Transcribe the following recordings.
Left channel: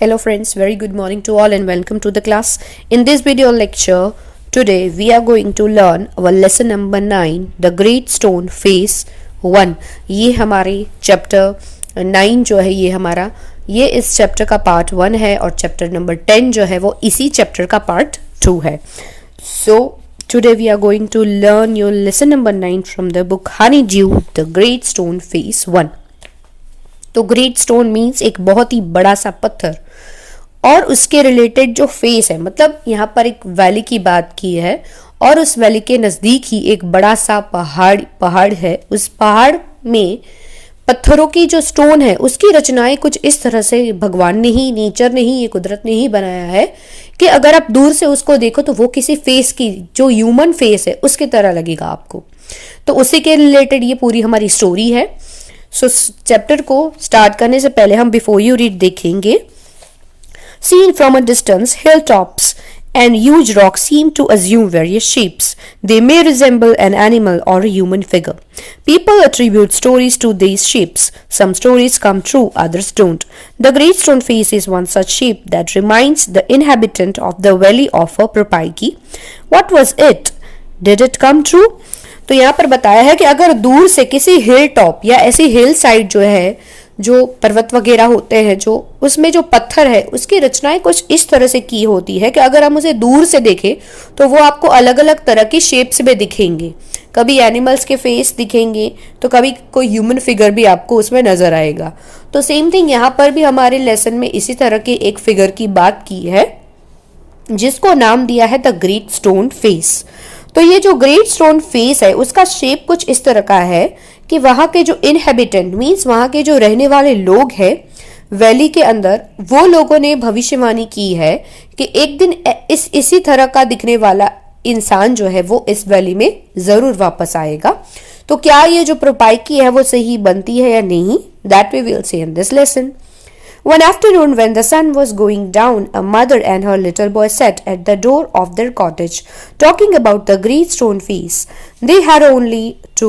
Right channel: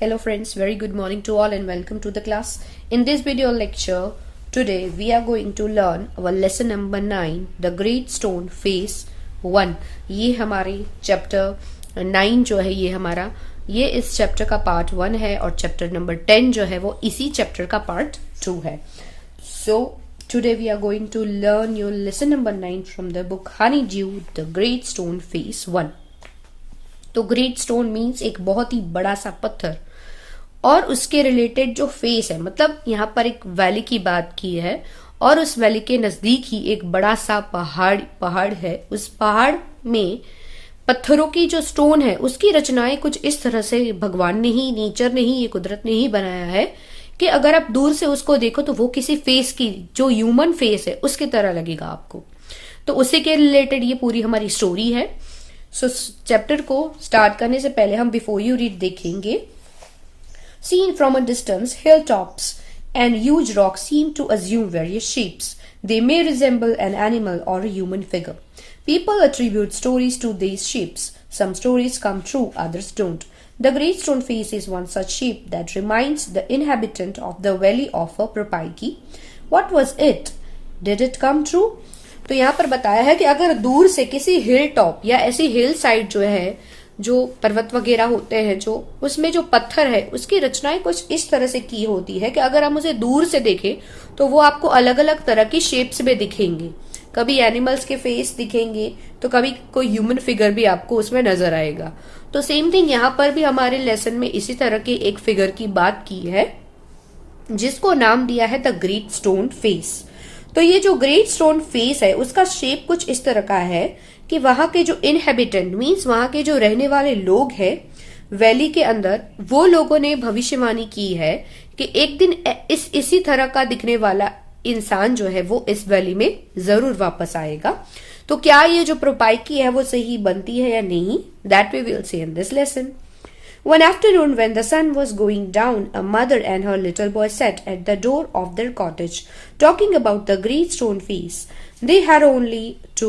Hello friends, very good morning to all and welcome to the class. In this video lecture, today we are going to learn our lesson number 9, The Great Stone Phase 1. ये हमारे chapter 9 जो है ये इस chapter का part 1 है और chapter number 10 जो है वो इसी चैप्टर का पार्ट 2 है. So today we are going to learn your lesson number 9 from the book Honeydew, The Great Stone Phase 1. तो ग्रेट स्टोन मीन्स एक बहुत ही बड़ा सा पत्थर और उसके रिलेटेड जो फेस है, मतलब यहाँ पर एक वैली की बात की है और उस वैली के नजदीक ही एक बड़ा सा पहाड़ है. उस पहाड़ में पत्थरों की जो स्टोन है उसकी रचनाएं कुछ इस तरह से भगवान ने ही, नेचर ने ही, ये कुदरत ने ही बनाया है कि अगर आप दूर से उसको देखो तो वो किसी फेस की, जो ह्यूमन फेस है उसकी तरह लगेगा आपको. तो उसी के रिलेटेड ये पूरी हमारी स्टोरी है. सो चैप्टर को स्टार्ट करने से पहले हम बिफोर यू रीड देखेंगे. Seen from a distance, hilltops and huge rocks seem to assume various shapes. They may resemble an animal or a human figure. People attribute stories to these shapes. Some stories come true, others don't. The Great Stone Face is one such shape that reminds the inhabitant of the valley of a Propaiki. What was it? Did it come true? तो यहाँ पर बताया है कि अगर दूर से किसी हिल टॉप या ऐसी हिल साइड जो है, जो पर्वत वगैरह होते हैं, जो उसमें जो पत्थर है उसकी रचनाएं कुछ इस तरह से की होती है कि अगर हम उसे दूर से देखें तो वो आपको अलग अलग तरह की शेप्स में दिखेंगे. कभी एनिमल्स के फेस दिखेंगे तो कभी कोई ह्यूमन फिगर भी आपको उसमें नजर आएगा. तो सेम थिंग यहाँ पर भी हमारे लेसन में इसी तरह के एक फिगर की बात की है जिसको नाम दिया है द ग्रेट स्टोन फेस. तो ये जो ग्रेट स्टोन फेस है उसका शेप कुछ इस तरह का है कि वहां के जो इनहेबिटेंट मीन्स वहां के जो रहने वाले लोग हैं वैली के अंदर, वो लोगों ने भविष्यवाणी की है कि एक दिन इसी तरह का दिखने वाला इंसान जो है वो इस वैली में जरूर वापस आएगा. तो क्या ये जो प्रोपाइकी है वो सही बनती है या नहीं, that we will see in this lesson. One afternoon when the sun was going down, a mother and her little boy sat at the door of their cottage, talking about the great stone face. They had only to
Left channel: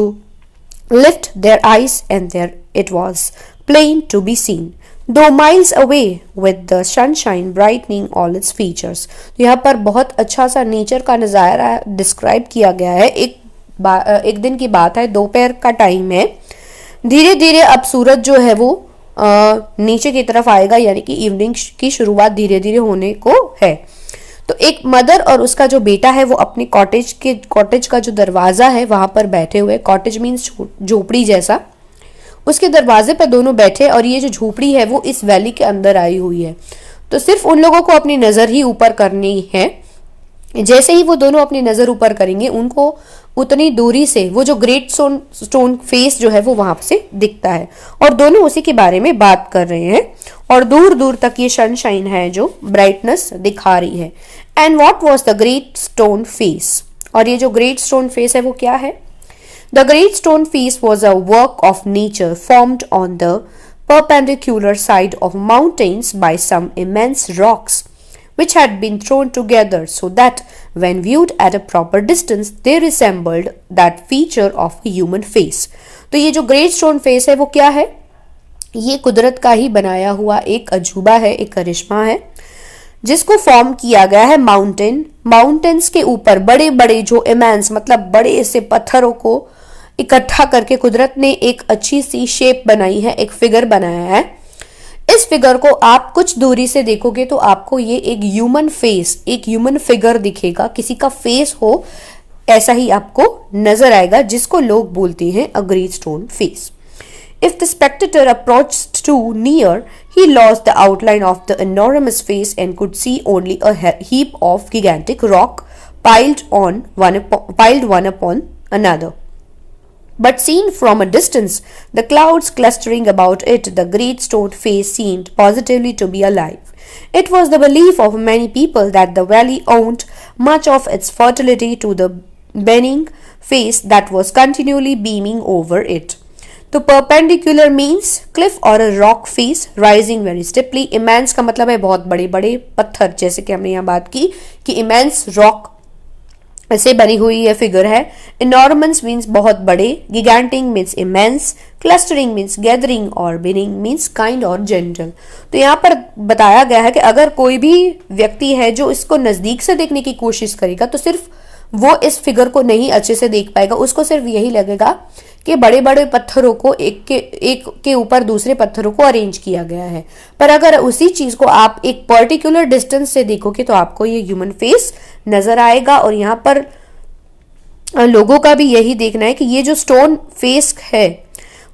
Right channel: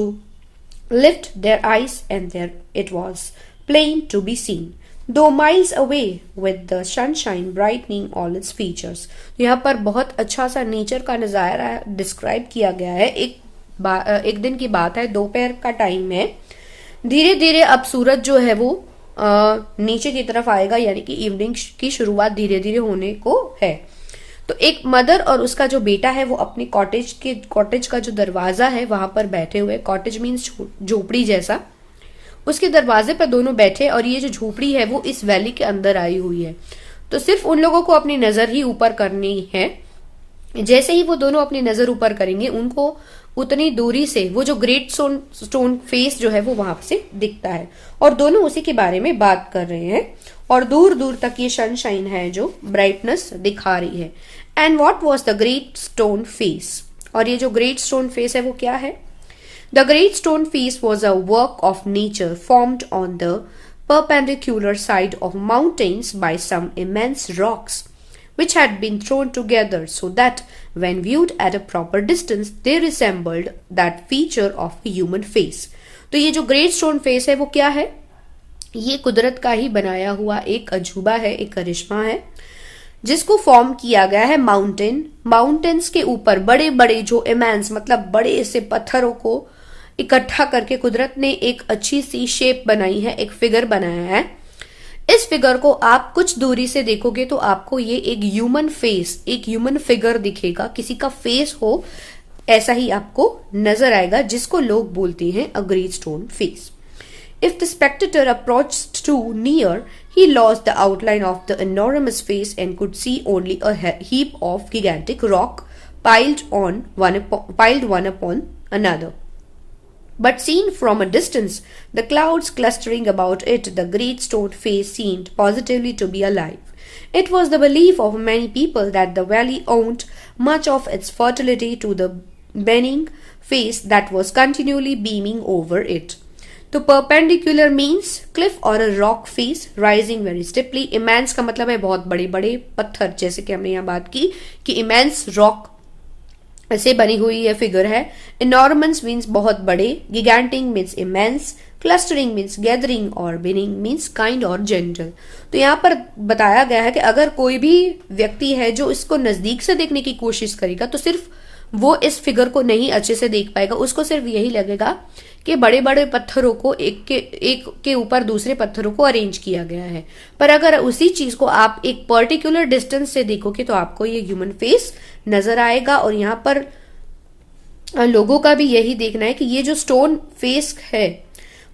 lift their eyes and there it was, plain to be seen, though miles away, with the sunshine brightening all its features. यहाँ पर बहुत अच्छा सा nature का नज़ारा describe किया गया है. एक दिन की बात है, दोपहर का टाइम है. धीरे धीरे अब सूरज जो है वो नीचे की तरफ आएगा, यानी कि इवनिंग की शुरुआत धीरे धीरे होने को है. तो एक मदर और उसका जो बेटा है वो अपने कॉटेज का जो दरवाजा है वहां पर बैठे हुए. कॉटेज मीन्स झोपड़ी जैसा. उसके दरवाजे पर दोनों बैठे और ये जो झोपड़ी है वो इस वैली के अंदर आई हुई है. तो सिर्फ उन लोगों को अपनी नजर ही ऊपर करनी है. जैसे ही वो दोनों अपनी नजर ऊपर करेंगे उनको उतनी दूरी से वो जो ग्रेट स्टोन फेस जो है वो वहां से दिखता है और दोनों उसी के बारे में बात कर रहे हैं और दूर दूर तक ये सनशाइन है जो ब्राइटनेस दिखा रही है. And what was the great stone face, और ये जो ग्रेट स्टोन फेस है वो क्या है? The great stone face was a work of nature formed on the perpendicular side of mountains by some immense rocks which had been thrown together so that when viewed at a proper distance they resembled that feature of a human face. तो ये जो great stone face है वो क्या है? ये कुदरत का ही बनाया हुआ एक अजूबा है, एक करिश्मा है जिसको फॉर्म किया गया है माउंटेन्स के ऊपर. बड़े बड़े जो इमेंस, मतलब बड़े से पत्थरों को इकट्ठा करके कुदरत ने एक अच्छी सी शेप बनाई है, एक फिगर बनाया है. इस फिगर को आप कुछ दूरी से देखोगे तो आपको ये एक ह्यूमन फेस, एक ह्यूमन फिगर दिखेगा, किसी का फेस हो ऐसा ही आपको नजर आएगा, जिसको लोग बोलते हैं a great stone face. If the spectator approached too near, he lost the outline of the enormous face and could see only a heap of gigantic rock piled one upon another. But seen from a distance, the clouds clustering about it, the great stone face seemed positively to be alive. It was the belief of many people that the valley owed much of its fertility to the beaming face that was continually beaming over it. तो perpendicular means cliff or a rock face rising very steeply. Immense का मतलब है बहुत बड़े बड़े पत्थर, जैसे कि हमने यहाँ बात की कि immense rock से बनी हुई यह फिगर है। इनॉर्मस मीन्स बहुत बड़े, gigantic means immense, clustering means gathering और बिनिंग मीन्स काइंड और जेंटल। तो यहाँ पर बताया गया है कि अगर कोई भी व्यक्ति है जो इसको नजदीक से देखने की कोशिश करेगा तो सिर्फ वो इस फिगर को नहीं अच्छे से देख पाएगा, उसको सिर्फ यही लगेगा कि बड़े बड़े पत्थरों को एक के ऊपर दूसरे पत्थरों को अरेंज किया गया है। पर अगर उसी चीज को आप एक पर्टिकुलर डिस्टेंस से देखोगे तो आपको ये ह्यूमन फेस नजर आएगा। और यहाँ पर लोगों का भी यही देखना है कि ये जो स्टोन फेस है,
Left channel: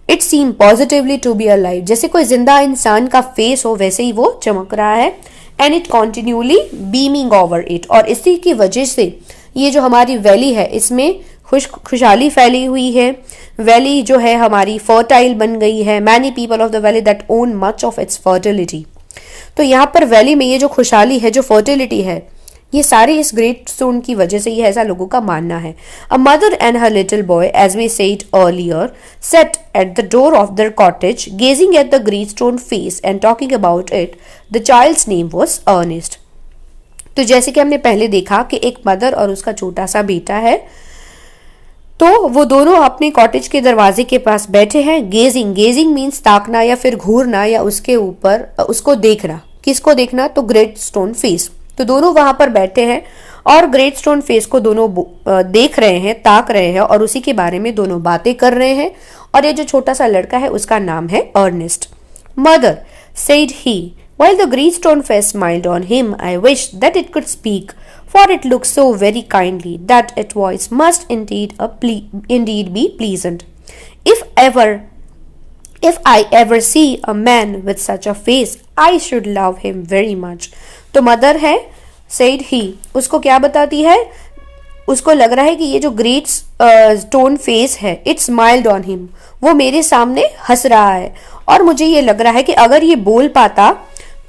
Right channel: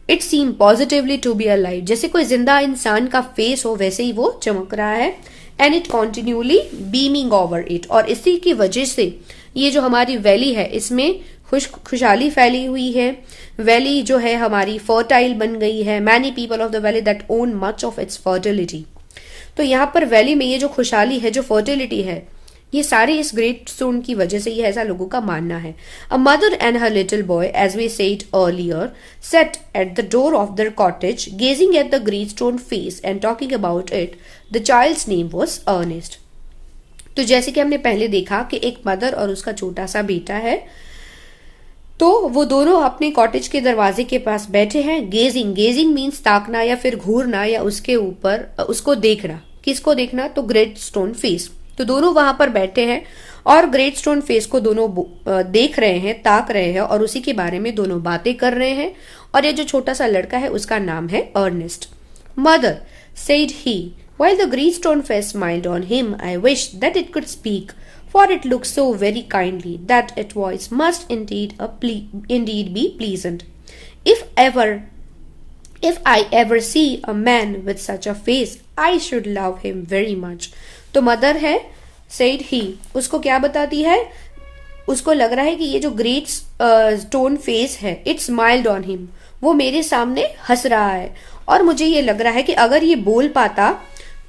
it seem positively to be alive, जैसे कोई जिंदा इंसान का फेस हो वैसे ही वो चमक रहा है। And it continuously beaming over it, और इसी की वजह से ये जो हमारी वैली है इसमें खुशहाली फैली हुई है। वैली जो है हमारी फर्टाइल बन गई है। Many people of the valley that own much of its fertility. तो यहाँ पर वैली में ये जो खुशहाली है, जो फर्टिलिटी है, ये सारी इस ग्रेट स्टोन की वजह से ही ऐसा लोगों का मानना है। A mother and her little boy, as we said earlier, sat at the door of their cottage gazing at the great stone face and talking about it. The child's name was Ernest. तो जैसे कि हमने पहले देखा कि एक mother और उसका छोटा सा बेटा है, तो वो दोनों अपने कॉटेज के दरवाजे के पास बैठे हैं। गेजिंग मीन्स ताकना या फिर घूरना या उसके ऊपर उसको देखना। किसको देखना? तो ग्रेट स्टोन फेस। तो दोनों वहां पर बैठे हैं और ग्रेट स्टोन फेस को दोनों देख रहे हैं, ताक रहे हैं और उसी के बारे में दोनों बातें कर रहे हैं। और ये जो छोटा सा लड़का है उसका नाम है Ernest. Mother said he, while the great stone face smiled on him, I wished that it could speak, for it looked so very kindly that its voice must indeed be pleasant. If I ever see a man with such a face, I should love him very much. तो mother है said he, उसको क्या बताती है? उसको लग रहा है कि ये जो ग्रेट स्टोन फेस है, इट स्माइल्ड ऑन हिम, वो मेरे सामने हंस रहा है और मुझे ये लग रहा है कि अगर ये बोल पाता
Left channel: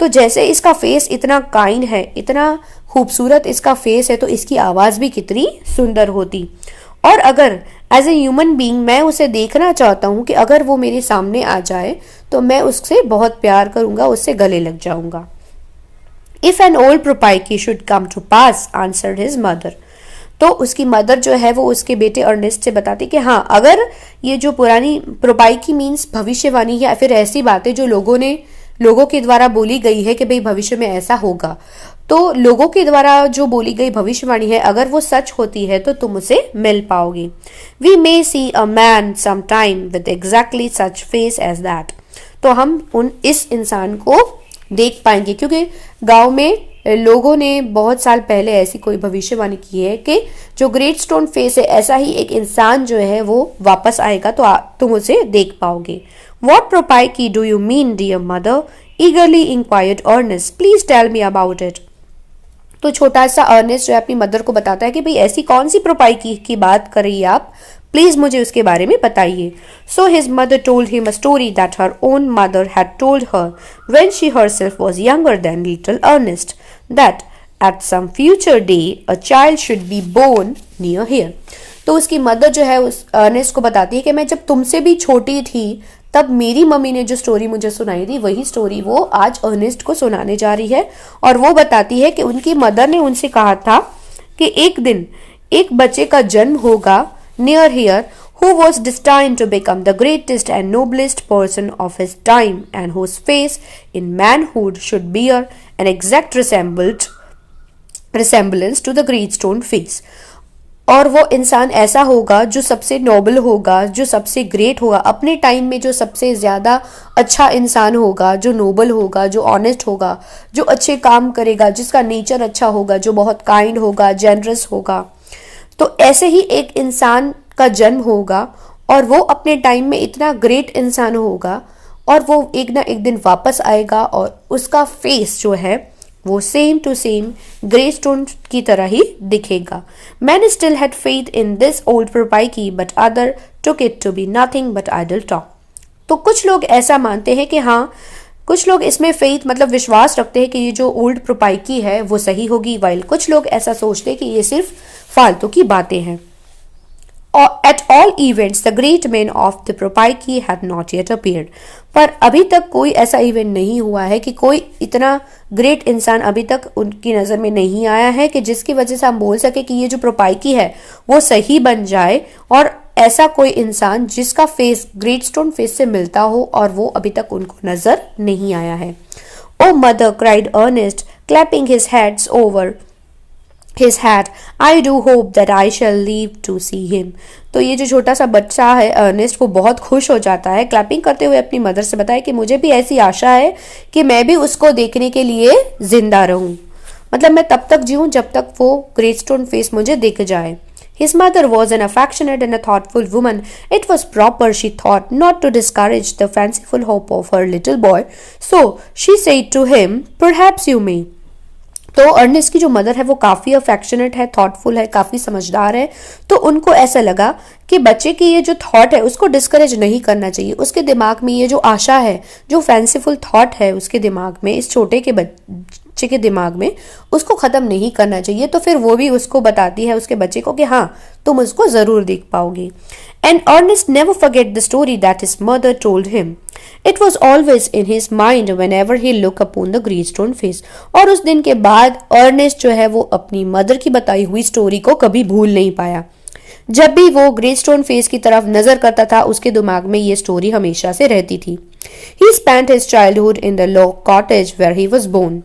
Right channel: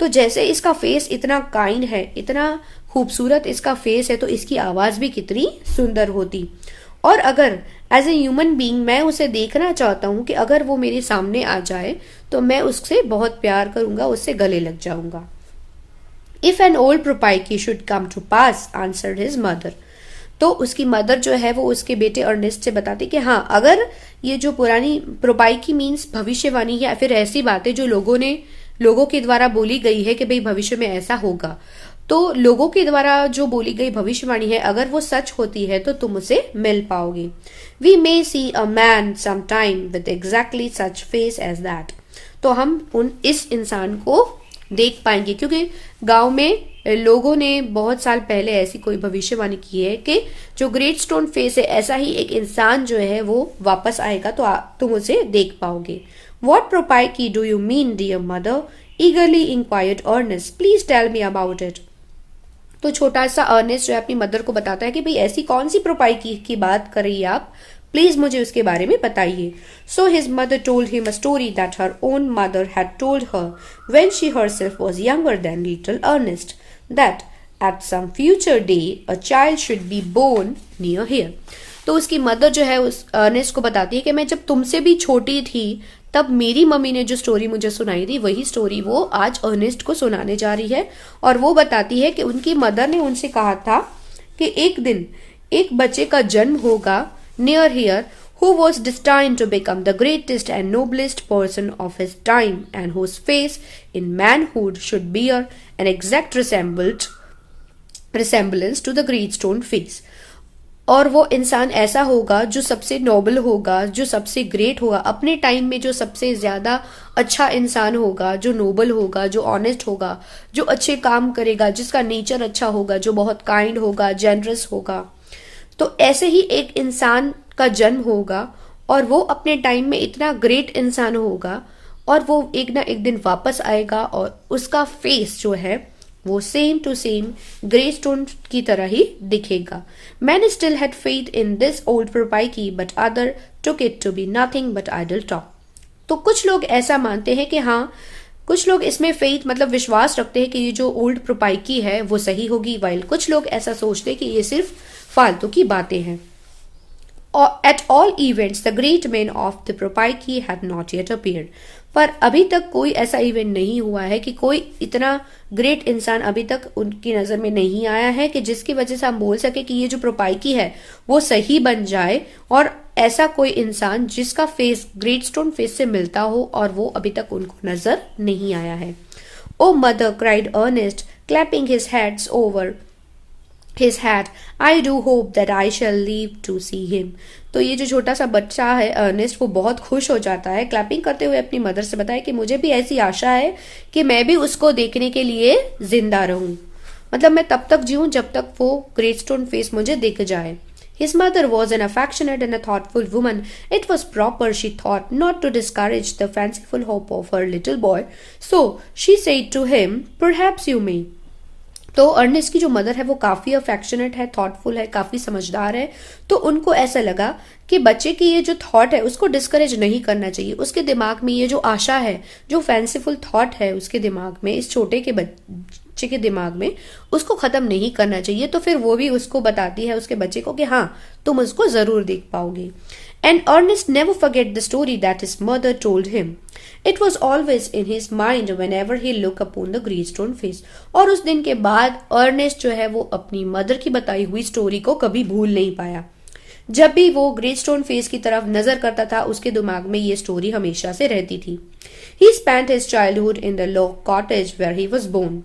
तो जैसे इसका फेस इतना काइंड है, इतना खूबसूरत इसका फेस है, तो इसकी आवाज भी कितनी सुंदर होती। और अगर एज ए ह्यूमन बीइंग मैं उसे देखना चाहता हूं कि अगर वो मेरे सामने आ जाए तो मैं उससे बहुत प्यार करूंगा, उससे गले लग जाऊंगा। If an old prophecy should come to pass, answered his mother. तो उसकी मदर जो है वो उसके बेटे अर्नेस्ट से बताती कि हाँ, अगर ये जो पुरानी प्रोपाइकी मीन्स भविष्यवाणी या फिर ऐसी बातें जो लोगों के द्वारा बोली गई है कि भाई भविष्य में ऐसा होगा, तो लोगों के द्वारा जो बोली गई भविष्यवाणी है अगर वो सच होती है तो तुम उसे मिल पाओगे। We may see a man some time with exactly such face as that. तो हम इस इंसान को देख पाएंगे, क्योंकि गांव में लोगों ने बहुत साल पहले ऐसी कोई भविष्यवाणी की है कि जो ग्रेट स्टोन फेस है ऐसा ही एक इंसान जो है वो वापस आएगा, तो तुम उसे देख पाओगे। What Propaiki do you mean, dear mother? Eagerly inquired Ernest. Please tell me about it. तो छोटा सा अर्नेस्ट जो है अपनी मदर को बताता है कि भाई ऐसी कौन सी प्रोपाइकी की बात कर रही है आप, प्लीज मुझे उसके बारे में बताइए। So his mother told him a story that her own mother had told her when she herself was younger than little Ernest, that at some future day a child should be born near here. तो उसकी mother जो है उस Ernest को बताती है कि मैं जब तुमसे भी छोटी थी तब मेरी मम्मी ने जो स्टोरी मुझे सुनाई थी वही स्टोरी वो आज अर्नेस्ट को सुनाने जा रही है। और वो बताती है कि उनकी मदर ने उनसे कहा था कि एक दिन एक बच्चे का जन्म होगा near here, who was destined to become the greatest and noblest person of his time and whose face in manhood should bear an exact resemblance to the great stone face. और वो इंसान ऐसा होगा जो सबसे नोबल होगा, जो सबसे ग्रेट होगा, अपने टाइम में जो सबसे ज्यादा अच्छा इंसान होगा, जो नोबल होगा, जो ऑनेस्ट होगा, जो अच्छे काम करेगा, जिसका नेचर अच्छा होगा, जो बहुत काइंड होगा, जेनरस होगा। तो ऐसे ही एक इंसान का जन्म होगा और वो अपने टाइम में इतना ग्रेट इंसान होगा और वो एक ना एक दिन वापस आएगा और उसका फेस जो है वो same to same grey stone की तरह ही दिखेगा। Man still had faith in this old prophecy but other took it to be nothing but idle talk. तो कुछ लोग ऐसा मानते हैं कि हाँ, कुछ लोग इसमें फेथ मतलब विश्वास रखते हैं कि ये जो ओल्ड प्रोपाइकी है वो सही होगी, वाइल कुछ लोग ऐसा सोचते हैं कि ये सिर्फ फालतू की बातें हैं। At all events, the great man of the Propyki had not yet appeared. पर अभी तक कोई ऐसा इवेंट नहीं हुआ है कि कोई इतना ग्रेट इंसान अभी तक उनकी नज़र में नहीं आया है कि जिसकी वजह से हम बोल सके कि ये जो प्रोपाइकी है वो सही बन जाए, और ऐसा कोई इंसान जिसका फेस ग्रेट स्टोन फेस से मिलता हो और वो अभी तक उनको नज़र नहीं आया है. Oh mother, cried Ernest, clapping his hands over his hat, I do hope that I shall live to see him. तो ये जो छोटा सा बच्चा है अर्नेस्ट, वो बहुत खुश हो जाता है, क्लैपिंग करते हुए अपनी मदर से बताया कि मुझे भी ऐसी आशा है कि मैं भी उसको देखने के लिए जिंदा रहूं, मतलब मैं तब तक जीऊं जब तक वो ग्रेट स्टोन फेस मुझे दिख जाए. His mother was an affectionate and a thoughtful woman. It was proper, she thought, not to discourage the fanciful hope of her little boy. So she said to him, "Perhaps you may." तो Ernest की जो mother है वो काफ़ी affectionate है, thoughtful है, काफ़ी समझदार है. तो उनको ऐसा लगा कि बच्चे की ये जो थॉट है उसको डिस्करेज नहीं करना चाहिए. उसके दिमाग में ये जो आशा है, जो फैंसीफुल थॉट है उसके दिमाग में, इस छोटे के बच्चे के दिमाग में, उसको ख़त्म नहीं करना चाहिए. तो फिर वो भी उसको बताती है, उसके बच्चे को, कि हाँ तुम उसको ज़रूर देख पाओगी. And Ernest never forget the story that his mother told him. It was always in his mind whenever he looked upon the great stone face. और उस दिन के बाद अर्नेस्ट जो है वो अपनी मदर की बताई हुई स्टोरी को कभी भूल नहीं पाया. जब भी वो ग्रेट स्टोन फेस की तरफ नजर करता था उसके दिमाग में ये स्टोरी हमेशा से रहती थी. He spent his childhood in the log cottage where he was born.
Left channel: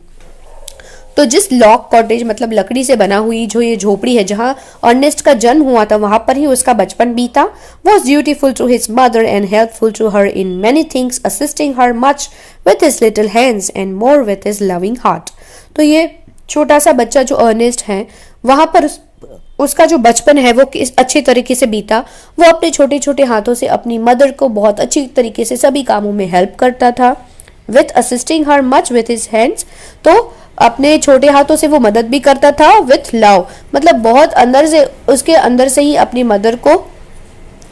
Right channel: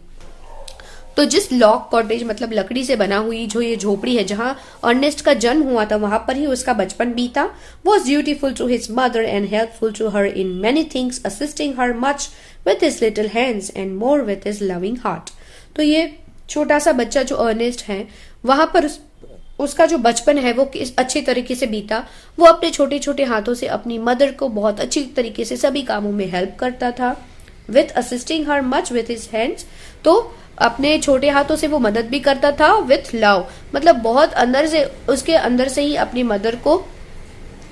तो जिस लॉग कॉटेज मतलब लकड़ी से बना हुई जो ये झोपड़ी है जहाँ अर्नेस्ट का जन्म हुआ था, वहां पर ही उसका बचपन बीता. Was dutiful to his mother and helpful to her in many things, assisting her much with his little hands and more with his loving heart. तो ये छोटा सा बच्चा जो अर्नेस्ट है, वहां पर उसका जो बचपन है वो अच्छे तरीके से बीता. वो अपने छोटे छोटे हाथों से अपनी मदर को बहुत अच्छी तरीके से सभी कामों में हेल्प करता था. With assisting her much with his hands, तो अपने छोटे हाथों से वो मदद भी करता था. विथ लव, मतलब बहुत अंदर से, उसके अंदर से ही अपनी मदर को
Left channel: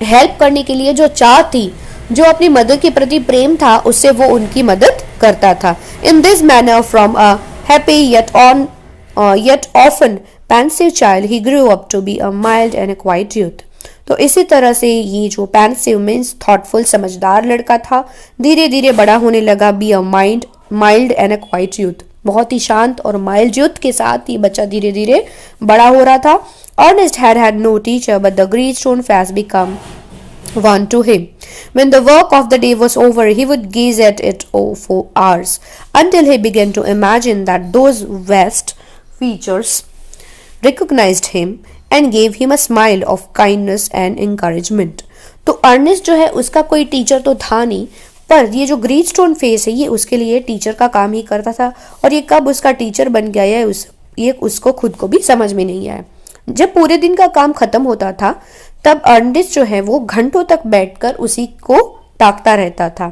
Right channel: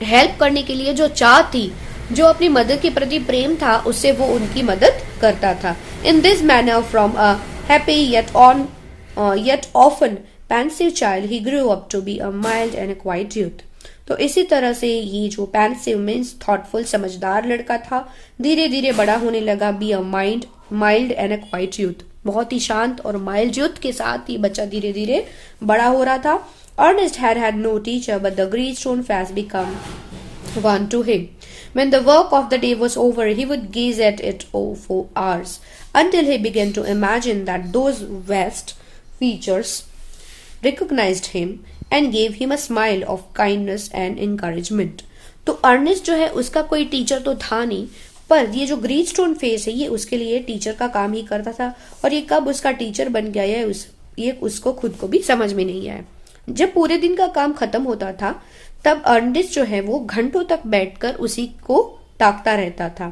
हेल्प करने के लिए जो चाह थी, जो अपनी मदर के प्रति प्रेम था, उससे वो उनकी मदद करता था. In this manner from a happy yet often pensive child he grew up to be a mild and a quiet youth. तो इसी तरह से ये जो पेंसिव मीन्स थॉटफुल समझदार लड़का था, धीरे धीरे बड़ा होने लगा. Be a mild and a quite youth, बहुत ही शांत और माइल्ड यूथ के साथ ये बच्चा धीरे धीरे बड़ा हो रहा था. Ernest had no teacher but the great stone face become one to him. When the work of the day was over, he would gaze at it for hours until he began to imagine that those vast features recognized him and gave him a smile of kindness and encouragement. तो Ernest जो है उसका कोई teacher तो था नहीं, पर ये जो ग्रेट स्टोन फेस है ये उसके लिए टीचर का काम ही करता था. और ये कब उसका टीचर बन गया है ये उसको खुद को भी समझ में नहीं आया. जब पूरे दिन का काम खत्म होता था तब अर्नेस्ट जो है वो घंटों तक बैठकर उसी को ताकता रहता था.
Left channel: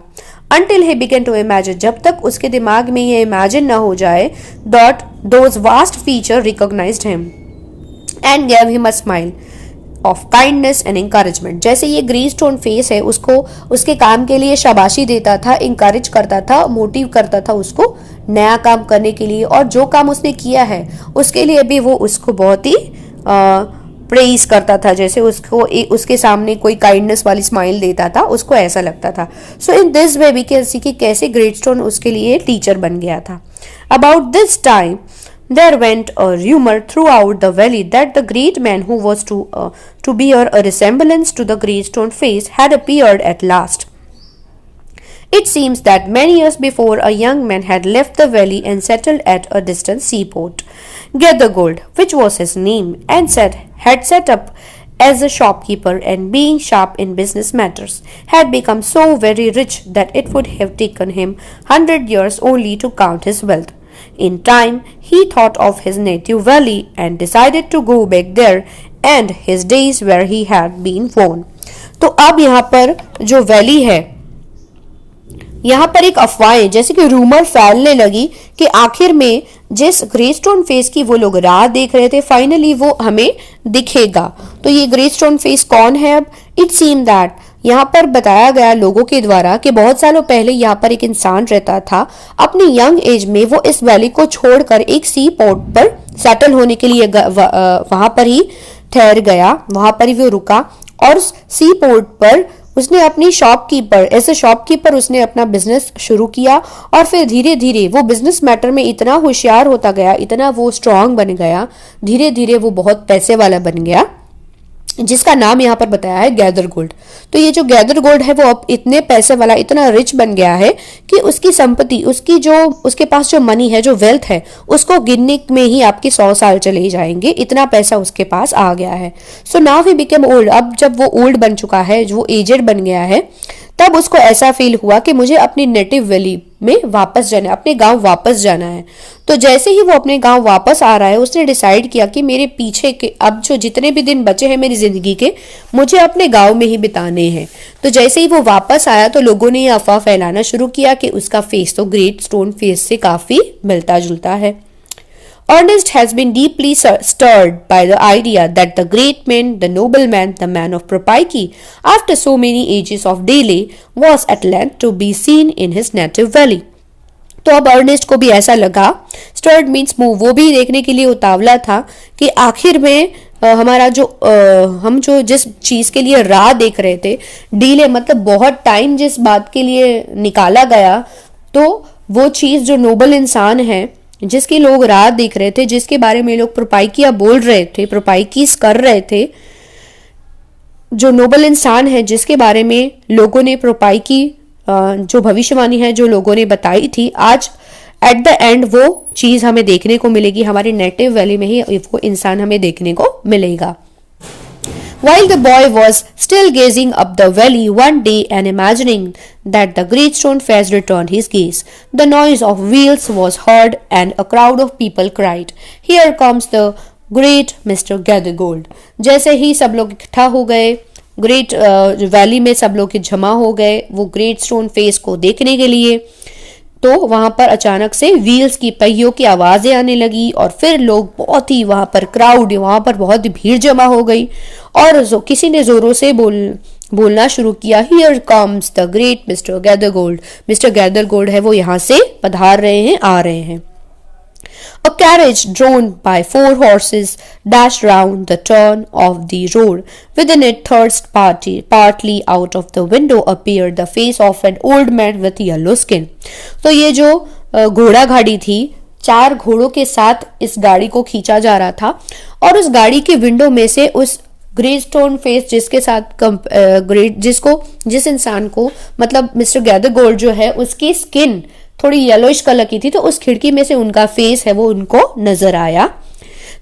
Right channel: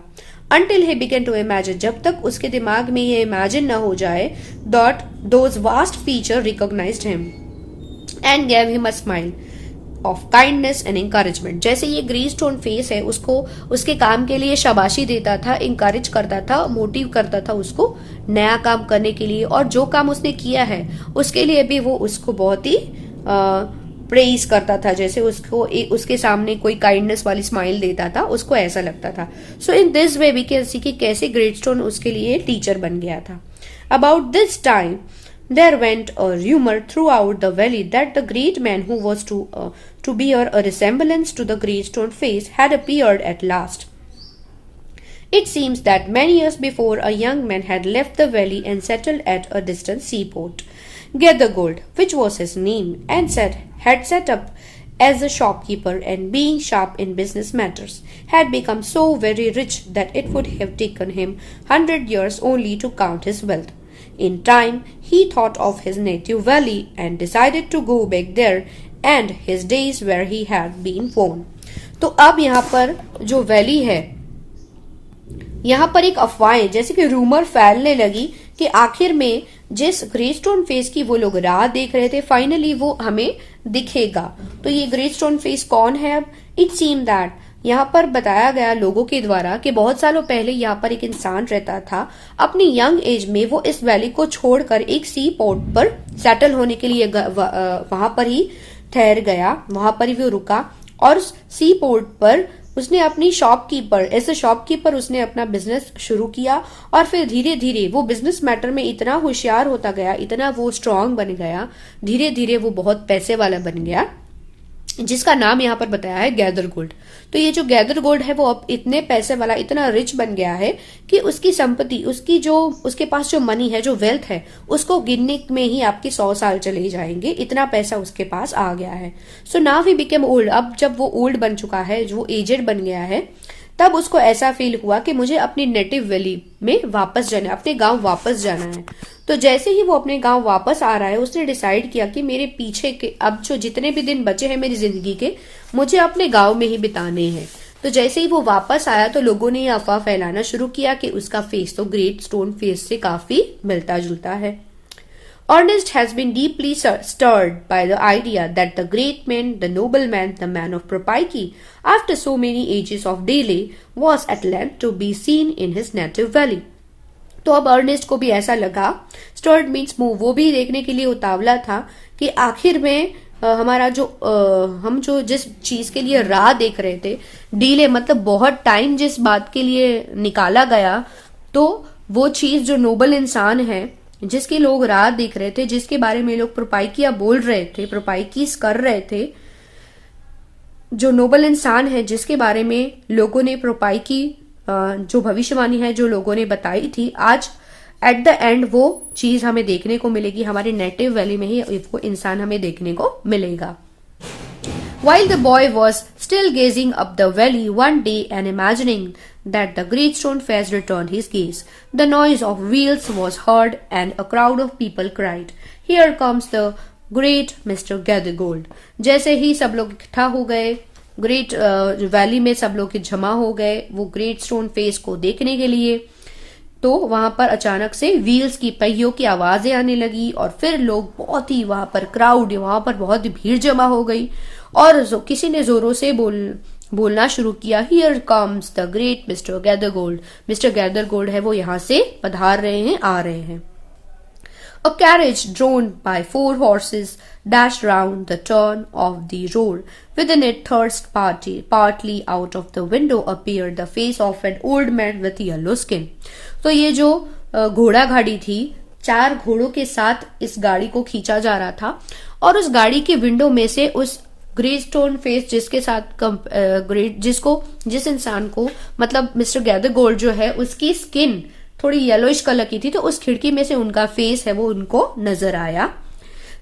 Until he began to imagine, जब तक उसके दिमाग में ये इमेजिन ना हो जाए, that those vast features recognized him and gave him a smile of kindness and encouragement. जैसे ये ग्रीन स्टोन फेस है उसको उसके काम के लिए शाबाशी देता था, इंकरेज करता था, मोटिव करता था उसको नया काम करने के लिए, और जो काम उसने किया है उसके लिए भी वो उसको बहुत ही प्रेज करता था. जैसे उसको उसके सामने कोई काइंडनेस वाली स्माइल देता था, उसको ऐसा लगता था. So in this way we can see कि कैसे ग्रेट स्टोन उसके लिए टीचर बन गया था. About this time there went a rumor throughout the valley that the great man who was to bear a resemblance to the great stone face had appeared at last. It seems that many years before a young man had left the valley and settled at a distant seaport. Gathergold, which was his name, and had set up as a shopkeeper, and being sharp in business matters, had become so very rich that it would have taken him 100 years only to count his wealth. In time, he thought of his native valley and decided to go back there and his days where he had been born. तो अब यहाँ पर जो valley है, यहाँ पर एक अफवाह जैसे कि रूमर फैलने लगी कि आखिर में जिस ग्रेट स्टोन फेस की वो लोग राह देख रहे थे, फाइनली वो हमें दिखेगा. तो ये ग्रेट स्टोन फेस कौन है? अब इट सीम दैट यहाँ पर बताया गया लोगों के द्वारा कि बहुत सालों पहले यहाँ पर एक इंसान रहता था. अपनी यंग एज में वो इस वैली को छोड़कर एक सी पोर्ट पर सेटल होने के लिए वहां पर ही ठहर गया, वहां पर ही वो रुका और सी पोर्ट पर उसने अपनी शॉपकीपर एज ए शॉपकीपर उसने अपना बिजनेस शुरू किया और फिर धीरे धीरे वो बिजनेस मैटर में इतना होशियार होता गया, इतना वो स्ट्रांग बन गया, धीरे धीरे वो बहुत पैसे वाला बन गया, जिसका नाम यहाँ पर बताया है गैदर गोल्ड। तो ये जो गैदर गोल्ड है वो अब इतने पैसे वाला, इतना रिच बन गया है कि उसकी संपत्ति, उसकी जो उसके पास जो मनी है, जो वेल्थ है, उसको गिनने में ही आपके 100 साल चले जाएंगे, इतना पैसा उसके पास आ गया है। So now he became old. अब जब वो ओल्ड बन चुका है, जो एजेड बन गया है, तब उसको ऐसा फील हुआ कि मुझे अपनी नेटिव वैली में वापस जाना है, अपने गांव वापस जाना है। तो जैसे ही वो अपने गांव वापस आ रहा है, उसने डिसाइड किया कि मेरे पीछे के अब जो जितने भी दिन बचे हैं मेरी जिंदगी के, मुझे अपने गांव में ही बिताने हैं। तो जैसे ही वो वापस आया तो लोगों ने ये अफवाह फैलाना शुरू किया कि उसका फेस तो ग्रेट स्टोन फेस से काफी मिलता जुलता है। Ernest has been deeply stirred by the idea that the great man, the nobleman, the man of Propaiki, after so many ages of delay, was at length to be seen in his native valley. तो अब Ernest को भी ऐसा लगा, stirred means move, वो भी देखने के लिए उतावला था कि आखिर में हमारा जो हम जो जिस चीज के लिए राह देख रहे थे, डीले मतलब बहुत टाइम जिस बात के लिए निकाला गया, तो वो चीज जो नोबल इंसान है, जिसकी लोग राह देख रहे थे, जिसके बारे में लोग प्रोपाइकिया बोल रहे थे, प्रोपाइकीस कर रहे थे, जो नोबल इंसान है जिसके बारे में लोगों ने प्रोपाइकी जो भविष्यवाणी है जो लोगों ने बताई थी, आज एट द एंड वो चीज हमें देखने को मिलेगी, हमारी नेटिव वैली में ही वो इंसान हमें देखने को मिलेगा। While the boy was still gazing up the valley one day and imagining that the great stone face returned his gaze, the noise of wheels was heard and a crowd of people cried, "Here comes the great Mr. Gathergold." जैसे ही सब लोग इकट्ठा हो गए, great valley में सब लोग जमा हो गए वो ग्रेट स्टोन फेस को देखने के लिए, तो वहां पर अचानक से व्हील्स की, पहियों की आवाजें आने लगी और फिर लोग बहुत ही वहां पर क्राउड, वहां पर बहुत ही भीड़ जमा हो गई और किसी ने जोरों से बोलना शुरू किया, "here comes the great mister Gathergold." Mister Gathergold है वो यहाँ से पधार रहे हैं, आ रहे हैं। A carriage drawn by 4 horses dashed round the turn of the road. Within it, partly out of the window, appeared the face of an old man with yellow skin. तो ये जो घोड़ा गाड़ी थी, 4 घोड़ों के साथ इस गाड़ी को खींचा जा रहा था और उस गाड़ी के विंडो में से उस ग्रे स्टोन फेस जिसके साथ जिस इंसान को मतलब मिस्टर गैदरगोल्ड जो है उसकी स्किन थोड़ी येलोइश कलर की थी, तो उस खिड़की में से उनका फेस है वो उनको नजर आया।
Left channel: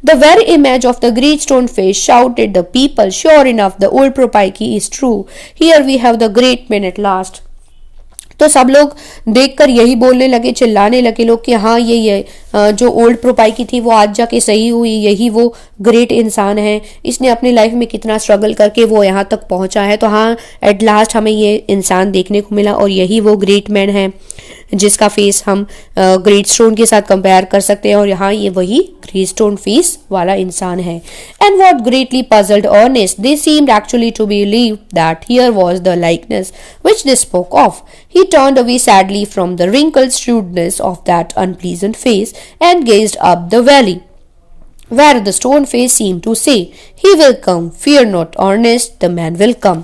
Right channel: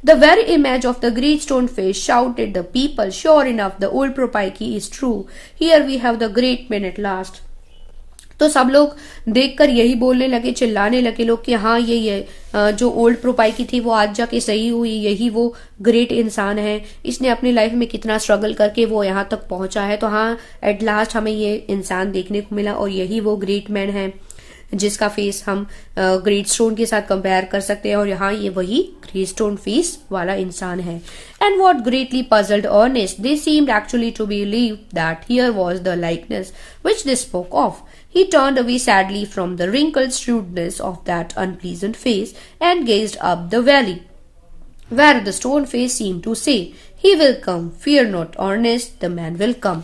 The very image of the great stone face shouted the people, "Sure enough, the old Propaiki is true. Here we have the great man at last." तो सब लोग देखकर यही बोलने लगे, चिल्लाने लगे लोग कि हाँ ये जो ओल्ड प्रोपाइकी थी वो आज जाके सही हुई, यही वो ग्रेट इंसान है, इसने अपनी लाइफ में कितना स्ट्रगल करके वो यहाँ तक पहुंचा है, तो हाँ एट लास्ट हमें ये इंसान देखने को मिला और यही वो ग्रेट मैन है जिसका फेस हम ग्रेट स्टोन के साथ कंपेयर कर सकते हैं और यहाँ ये वही ग्रेट स्टोन फेस वाला इंसान है। And what greatly puzzled Ernest, they seemed actually to believe that here was the likeness which they spoke of. He turned away sadly from the wrinkled shrewdness of that unpleasant face and gazed up the valley, where the stone face seemed to say, "He will come, fear not, Ernest, the man will come."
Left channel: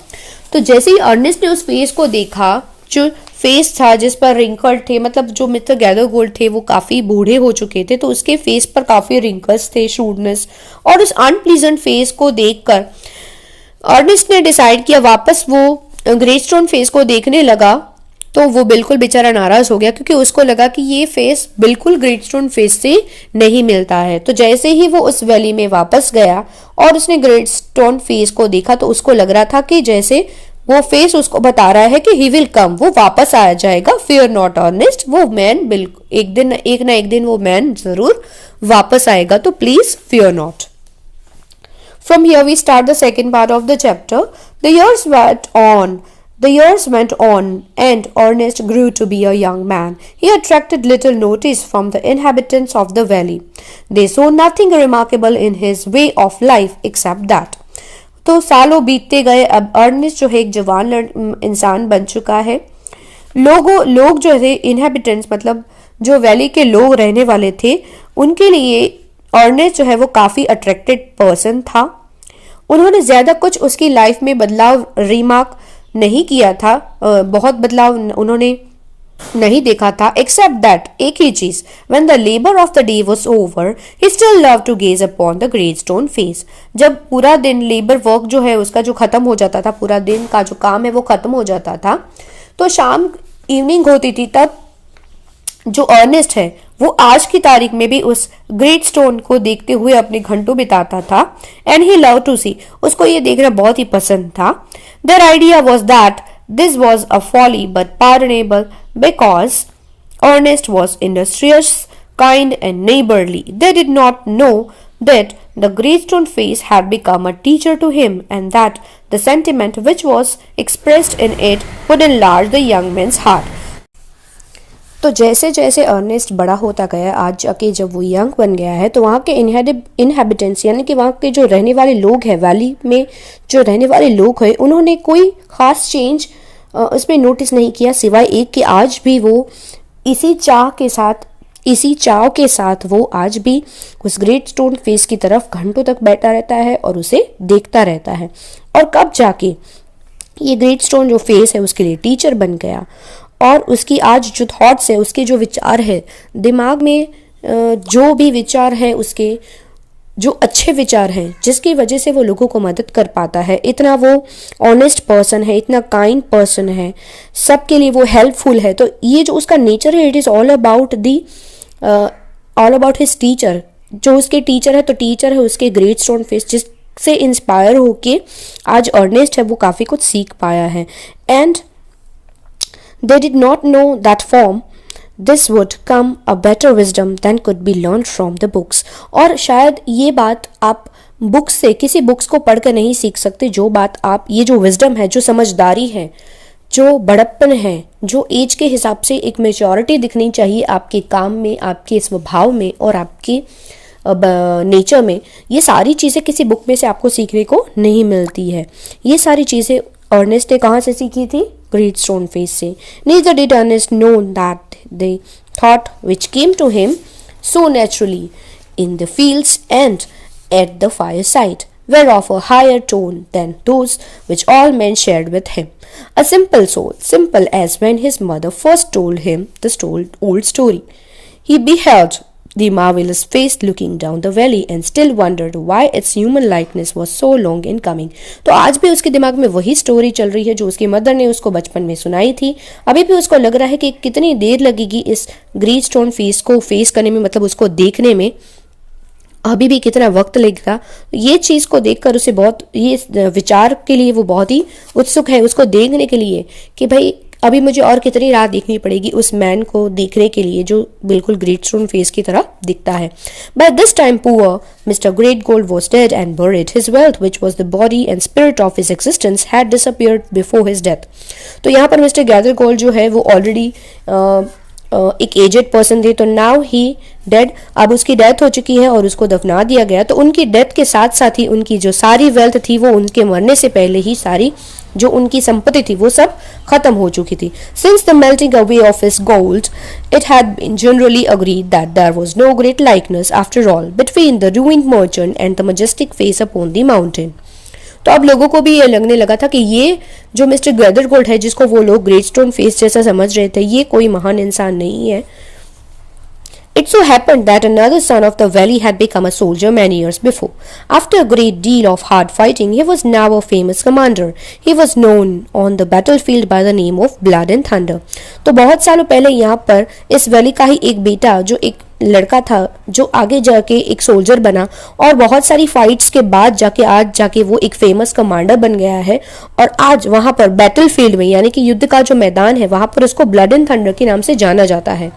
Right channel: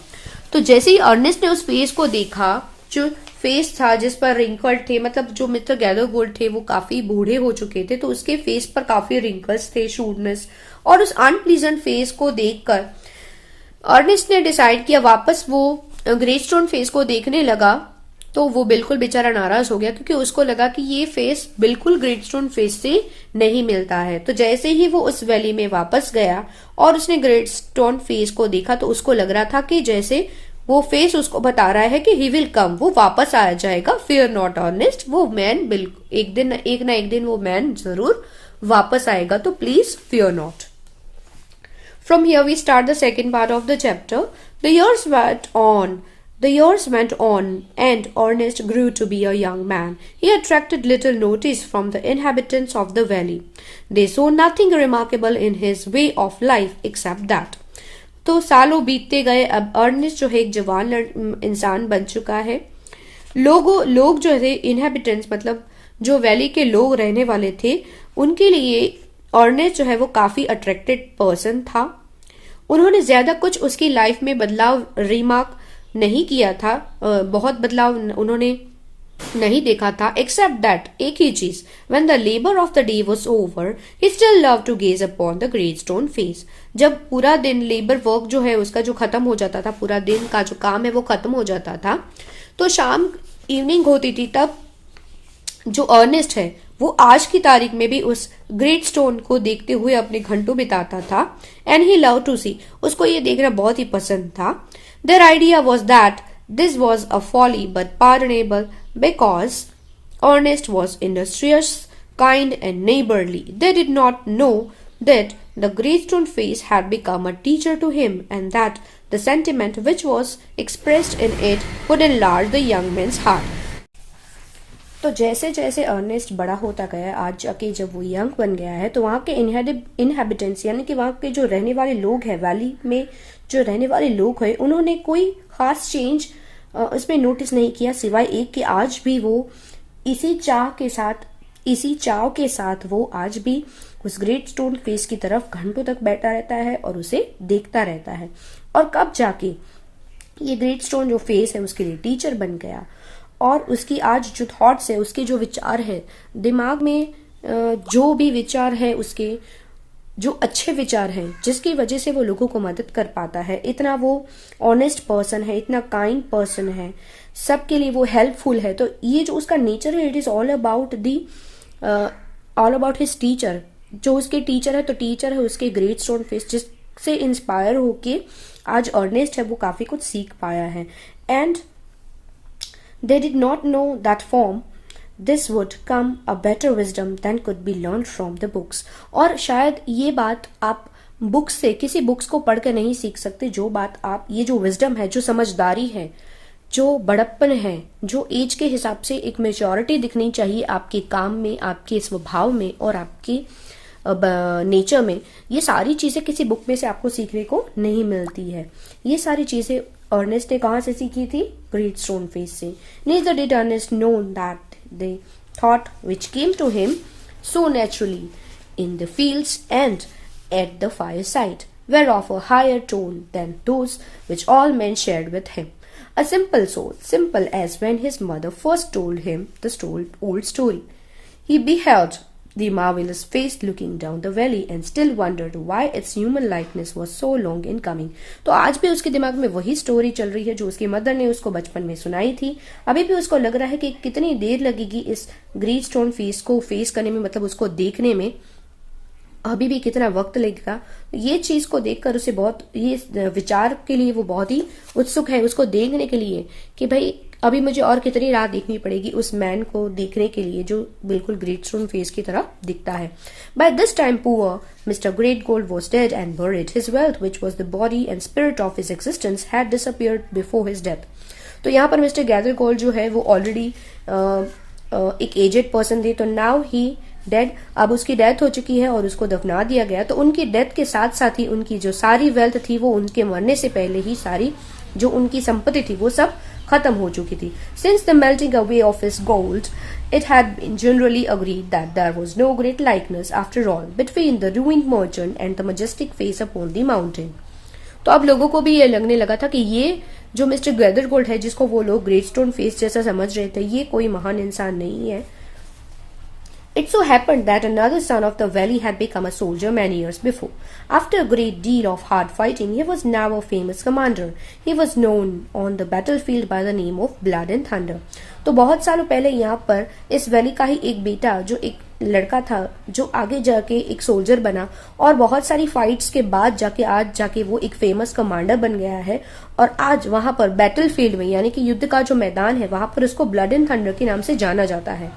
तो जैसे ही Ernest ने उस face को देखा, जो face था जिस पर रिंकल्ड थे, मतलब जो मिस्टर गैदरगोल्ड थे वो काफी बूढ़े हो चुके थे, तो उसके फेस पर काफी रिंकल्स थे, शूडनेस, और उस अनप्लीजेंट फेस को देखकर अर्नेस्ट ने डिसाइड किया, वापस वो ग्रेट स्टोन फेस को देखने लगा, तो वो बिल्कुल बेचारा नाराज हो गया क्योंकि उसको लगा कि ये फेस बिल्कुल ग्रेट स्टोन फेस से नहीं मिलता है। तो जैसे ही वो उस वैली में वापस गया और उसने ग्रेट स्टोन फेस को देखा तो उसको लग रहा था कि जैसे वो फेस उसको बता रहा है कि ही विल कम, वो वापस आ जाएगा, फियर नॉट अर्नेस्ट, वो मैन बिल्कुल एक ना एक दिन वो मैन जरूर वापस आएगा, तो please fear not. From here we start the second part of the chapter. The years went on and Ernest grew to be a young man. He attracted little notice from the inhabitants of the valley. They saw nothing remarkable in his way of life except that. तो सालों बीतते गए, अब Ernest जो है एक जवान इंसान बन चुका है। लोग जो है इनहेबिटेंट्स मतलब जो वैली के लोग रहने वाले थे, उनके लिए अर्नेस्ट जो है वो काफी अट्रैक्टेड पर्सन था। उन्होंने ज्यादा कुछ उसकी लाइफ में बदलाव रिमार्क नहीं किया था, बहुत बदलाव उन्होंने नहीं देखा था, एक्सेप्ट दैट एक ही चीज, when the labour of the day was over he still love to gaze upon the great stone face. जब पूरा दिन लेबर वर्क जो है उसका जो खत्म हो जाता था, पूरा दिन का जो काम है वो खत्म हो जाता था, तो शाम इवनिंग होती थी, तब जो अर्नेस्ट है वो आज की तारीख में भी उस ग्रेट स्टोन को देखते हुए अपने घंटों बिताता था। And he love to see, उसको ये देखना बहुत ही पसंद था। Their idea was that this was a folly but pardonable because Ernest was industrious, kind and neighborly. They did not know that the Greystone face had become a teacher to him and that the sentiment which was expressed in it would enlarge the young man's heart. तो जैसे जैसे Ernest बड़ा होता गया, आज जाके जब वो यंग बन गया है, तो वहाँ के इनहेबिटेंट्स यानी कि वहाँ के जो रहने वाले लोग हैं, वैली में जो रहने वाले लोग हैं, उन्होंने कोई खास चेंज उसमें नोटिस नहीं किया, सिवाय एक कि आज भी वो इसी चाव के साथ वो आज भी उस ग्रेट स्टोन फेस की तरफ घंटों तक बैठा रहता है और उसे देखता रहता है। और कब जाके ये ग्रेट स्टोन जो फेस है उसके लिए टीचर बन गया और उसकी आज जो थॉट्स है, उसके जो विचार है, दिमाग में जो भी विचार है, उसके जो अच्छे विचार हैं, जिसकी वजह से वो लोगों को मदद कर पाता है, इतना वो ऑनेस्ट पर्सन है, इतना काइंड पर्सन है, सबके लिए वो हेल्पफुल है। तो ये जो उसका नेचर है, it is all about his teacher. जो उसके टीचर है, तो टीचर है उसके ग्रेट स्टोन फेस, जिससे इंस्पायर होके आज अर्नेस्ट है वो काफ़ी कुछ सीख पाया है। And they did not know that from this would come a better wisdom than could be learn from the books. और शायद ये बात आप बुक्स से, किसी बुक्स को पढ़कर नहीं सीख सकते, जो बात आप, ये जो विजडम है, जो समझदारी है, जो बड़प्पन है, जो एज के हिसाब से एक मेच्योरिटी दिखनी चाहिए आपके काम में, आपके स्वभाव में और आपके नेचर में, ये सारी चीज़ें किसी बुक में से आपको सीखने को नहीं मिलती है। ये सारी चीज़ें अर्नेस्ट ने कहाँ से सीखी थी? ग्रेट स्टोन फेस से। Neither did Ernest know that the thought which came to him so naturally in the fields and at the fireside were of a higher tone than those which all men shared with him. A simple soul, simple as when his mother first told him the old story. He beheld the marvelous face looking down the valley and still wondered why its human likeness was so long in coming. तो आज भी उसके दिमाग में वही story चल रही है जो उसकी मदर ने उसको बचपन में सुनाई थी। अभी भी उसको लग रहा है कि कितनी देर लगेगी इस ग्रेट स्टोन फेस को फेस करने में, मतलब उसको देखने में अभी भी कितना वक्त लगेगा। ये चीज़ को देखकर उसे बहुत, ये विचार के लिए वो बहुत ही उत्सुक है, उसको देखने के लिए कि भाई अभी मुझे और कितनी राह देखनी पड़ेगी उस मैन को देखने के लिए जो बिल्कुल ग्रेट स्टोन फेस की तरह दिखता है। By this time poor mister Great Gold was dead and बuried. His wealth, which was the body and spirit of his existence, had disappeared before his death. तो यहाँ पर मिस्टर गैदर गोल्ड जो है वो ऑलरेडी एक एजेड पर्सन थे, तो नाउ ही डेड, अब उसकी डेथ हो चुकी है और उसको दफना दिया गया। तो उनकी डेथ के साथ साथ ही उनकी जो सारी वेल्थ थी वो उनके मरने से पहले ही सारी जो उनकी संपत्ति थी वो सब खत्म हो चुकी थी। Since the melting away of his gold, it had been generally agreed that there was no great likeness after all between the ruined merchant and the majestic face upon the mountain. तो अब लोगों को भी ये लगने लगा था कि ये जो मिस्टर गैदर गोल्ड है, जिसको वो लोग ग्रेट स्टोन फेस जैसा समझ रहे थे, ये कोई महान इंसान नहीं है। It so happened that another son of the valley had become a soldier many years before. After a great deal of hard fighting, he was now a famous commander. He was known on the battlefield by the name of Blood and Thunder. तो बहुत सालों पहले यहाँ पर इस valley का ही एक बेटा, जो एक लड़का था, जो आगे जाके एक सोल्जर बना और बहुत सारी फाइट्स के बाद जाके आज जाके वो एक फेमस कमांडर बन गया है। और आज वहाँ पर बैटल फील्ड में, यानी कि युद्ध का जो मैदान है, वहाँ पर उसको ब्लड एंड थंडर के नाम से जाना जाता है।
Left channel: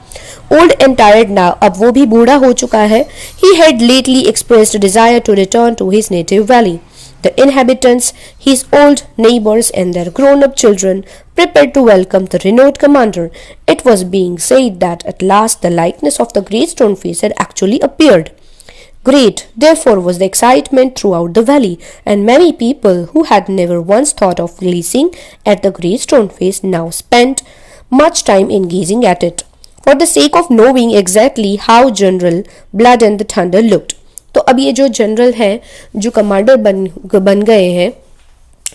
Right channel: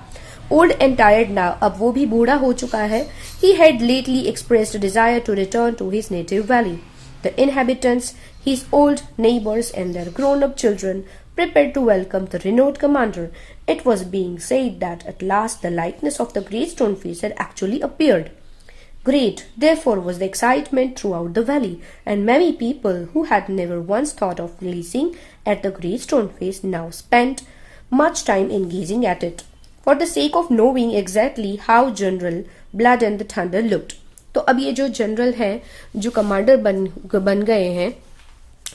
Old and tired now, अब वो भी बूढ़ा हो चुका है। He had lately expressed a desire to return to his native valley. The inhabitants, his old neighbors and their grown-up children, prepared to welcome the renowned commander. It was being said that at last the likeness of the great stone face had actually appeared. Great, therefore, was the excitement throughout the valley, and many people who had never once thought of gazing at the great stone face now spent much time in gazing at it, for the sake of knowing exactly how General Blood and the Thunder looked. तो अब ये जो general है, जो commander बन गए हैं,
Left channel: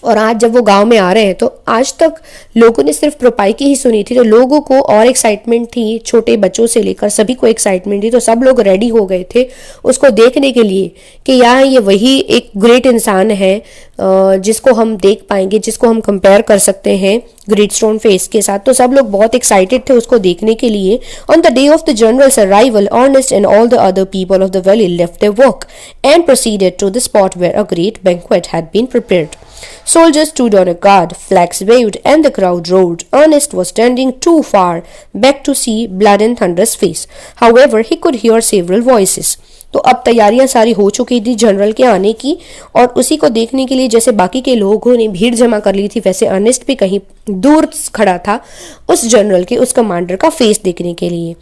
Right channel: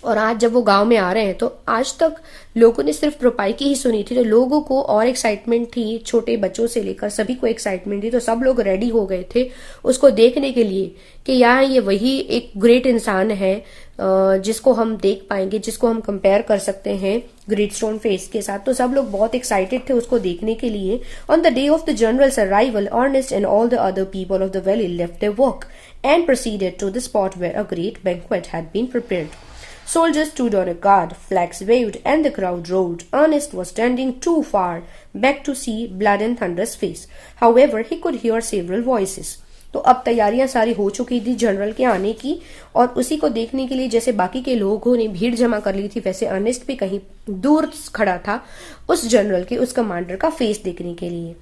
और आज जब वो गांव में आ रहे हैं तो आज तक लोगों ने सिर्फ प्रोपाई की ही सुनी थी, तो लोगों को और एक्साइटमेंट थी, छोटे बच्चों से लेकर सभी को एक्साइटमेंट थी। तो सब लोग रेडी हो गए थे उसको देखने के लिए कि यहाँ ये वही एक ग्रेट इंसान है जिसको हम देख पाएंगे, जिसको हम कंपेयर कर सकते हैं ग्रेट स्टोन फेस के साथ। तो सब लोग बहुत एक्साइटेड थे उसको देखने के लिए। On the day of the general's arrival, Ernest and all the other people of the valley left their work and proceeded to the spot where a great banquet had been prepared. Soldiers stood on a guard, flags waved, and the crowd roared. Ernest was standing too far back to see Blood and Thunder's face. However, he could hear several voices. तो अब तैयारियां सारी हो चुकी थी general के आने की, और उसी को देखने के लिए जैसे बाकी के लोगों ने भीड़ जमा कर ली थी, वैसे अर्नेस्ट भी कहीं दूर खड़ा था उस जनरल के, उस कमांडर का फेस देखने के लिए।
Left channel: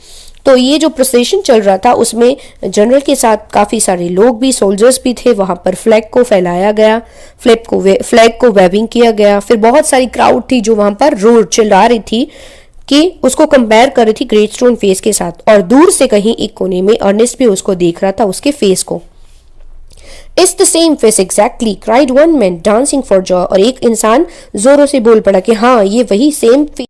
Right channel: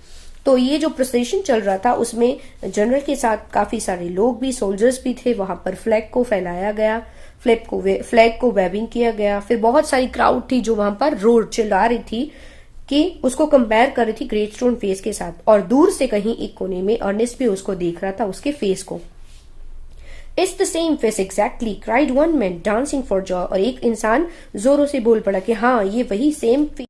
तो ये जो प्रोसेशन चल रहा था उसमें जनरल के साथ काफ़ी सारे लोग भी, सोल्जर्स भी थे। वहाँ पर फ्लैग को फैलाया गया, फ्लैग को वेविंग किया गया। फिर बहुत सारी क्राउड थी जो वहाँ पर रोड चिल्ला रही थी कि उसको कंपेयर कर रही थी ग्रेट स्टोन फेस के साथ, और दूर से कहीं एक कोने में अर्नेस्ट भी उसको देख रहा था, उसके फेस को। It's the same face exactly, cried one man dancing for joy. और एक इंसान जोरों से बोल पड़ा कि हाँ ये वही सेम फेस,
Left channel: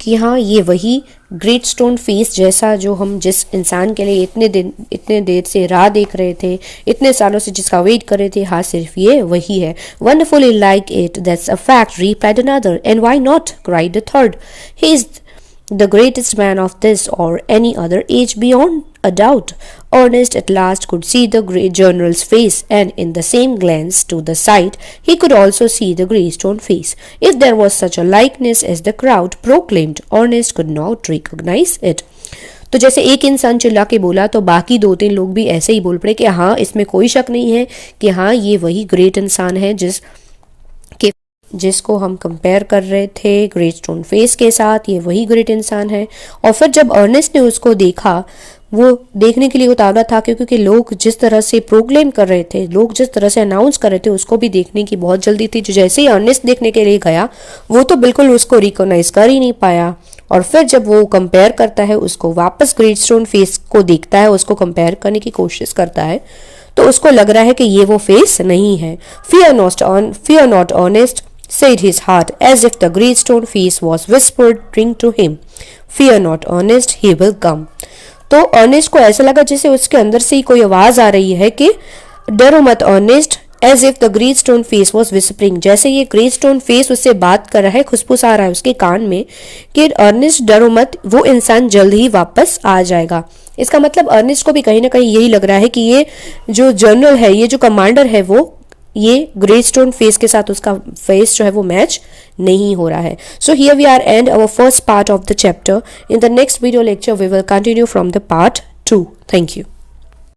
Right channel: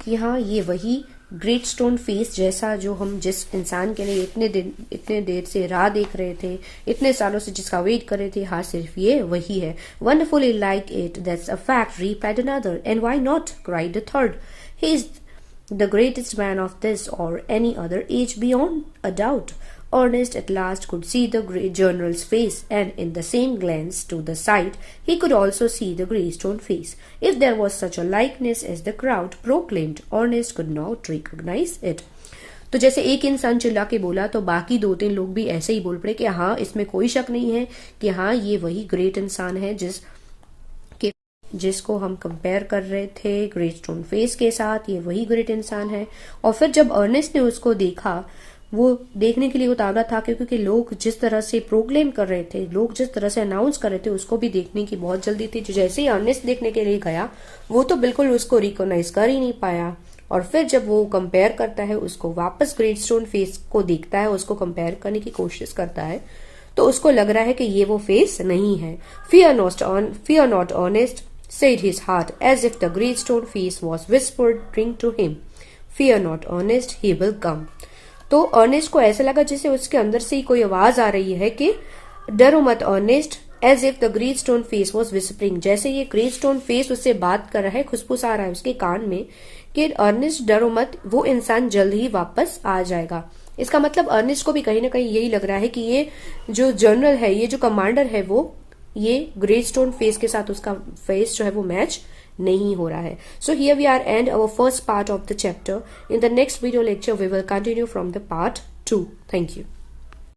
कि हाँ ये वही ग्रेट स्टोन फेस जैसा जो हम जिस इंसान के लिए इतने देर से राह देख रहे थे, इतने सालों से जिसका वेट कर रहे थे, हाँ सिर्फ ये वही है। Wonderfully like it, that's a fact, replied another. And why not, cried the third. He is the greatest man of this or any other age beyond a doubt. Ernest at last could see the great general's face, and in the same glance to the side, he could also see the grey stone face. If there was such a likeness as the crowd proclaimed, Ernest could not recognize it. तो जैसे एक इंसान चिल्ला के बोला तो बाकी 2-3 लोग भी ऐसे ही बोल पड़े कि हाँ इसमें कोई शक नहीं है कि हाँ ये वही ग्रेट इंसान है जिसको हम कंपेयर कर रहे थे ग्रेट स्टोन फेस के साथ, ये वही ग्रेट इंसान है। और फिर जब अर्नेस्ट ने उसको देखा, वो देखने के लिए उतावला था क्योंकि लोग जिस तरह से प्रोक्लेम कर रहे थे, लोग जिस तरह से अनाउंस कर रहे थे, उसको भी देखने की बहुत जल्दी थी। जो जैसे ही अर्नेस्ट देखने के लिए गया, वो तो बिल्कुल उसको रिकॉग्नाइज कर ही नहीं पाया। और फिर जब वो कंपेयर करता है, उसको वापस ग्रेट स्टोन फेस को देखता है, उसको कंपेयर करने की कोशिश करता है, तो उसको लग रहा है कि ये वो फेस नहीं है। Fear not, Ernest, said his heart, as if the great stone face was whispering to him. Fear not, Ernest, he will come. तो अर्नेस्ट को ऐसा लगा जैसे उसके अंदर से ही कोई आवाज आ रही है कि डरो मत Ernest, as if the great stone face was whispering. जैसे ये ग्रेट स्टोन फेस उससे बात कर रहा है, खुशफुसा रहा है उसके कान में कि अर्नेस्ट डरो मत, वो इंसान जल्द ही वापस आ जाएगा। इसका मतलब अर्नेस्ट को भी कहीं ना कहीं यही लग रहा है कि ये जो जनरल है, ये जो कमांडर है, वो ये ग्रेट स्टोन फेस के साथ उसका फेस जो है वो मैच नहीं हो रहा है। So here we are and our first part of the chapter. In the next video lecture we will continue from the part 2. Thank you.